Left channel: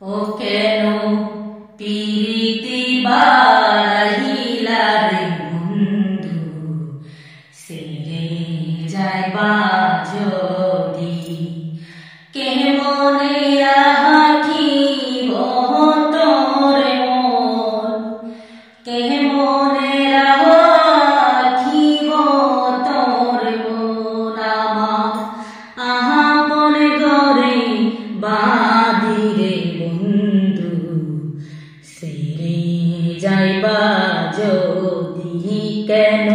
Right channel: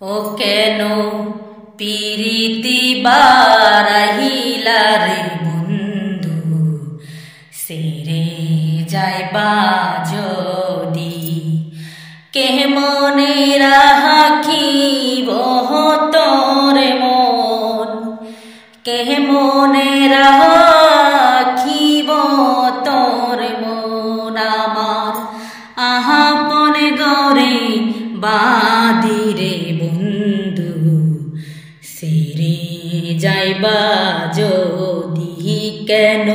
ও কেন পিরিতি বারাহিলা রে বন্ধু সেরে যাইবা যদি কে মনে রাখিব তোর মন কে মনে রাখিব তোর মন আমার আহাপন গরে বাদিরে বন্ধু সেরে যাইবা যদি কেন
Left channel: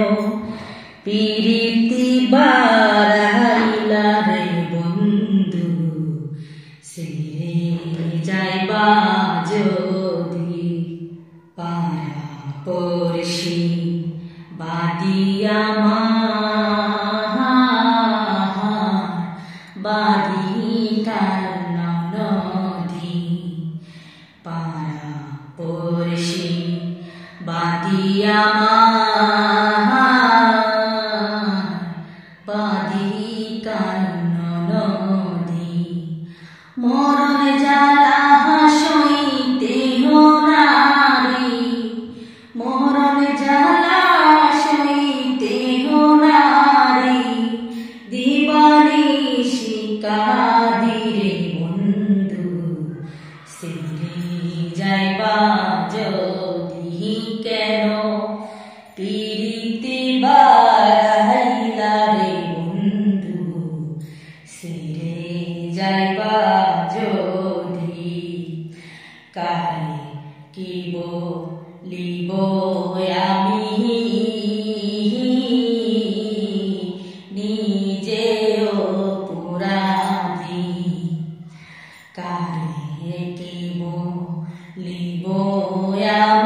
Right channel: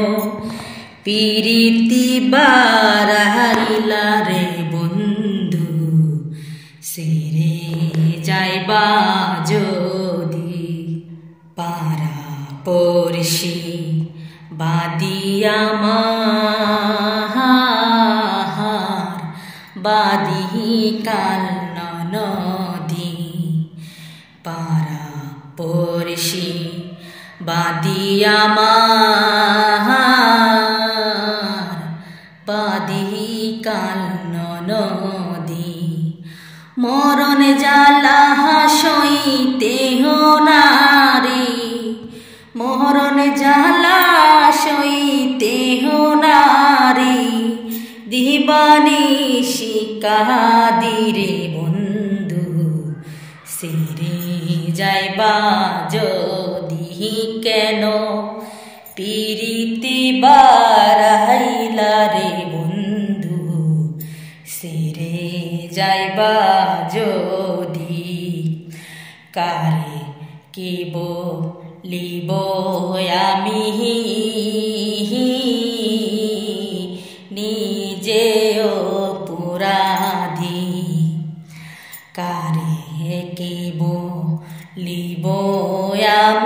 পিরিতি বারাইলা রে বন্ধু সেরে যাইবা যদি পারা পড়শি বাদিয়া মাহার বাদি কাল নদী পারা পড়শি বাদিয়া মাহার বাদি কাল নদী মরণ জ্বালা সইতে নারে মরণ জ্বালা সইতে নারে দিবানিশি কাদিরে বন্ধু সেরে যাইবা যদি কেন পিরিতি বারাইলা রে বন্ধু সেরে যাইবা যদি কারে কি বলিব আমি নিজে অপরাধী কারে কি বলিব আমি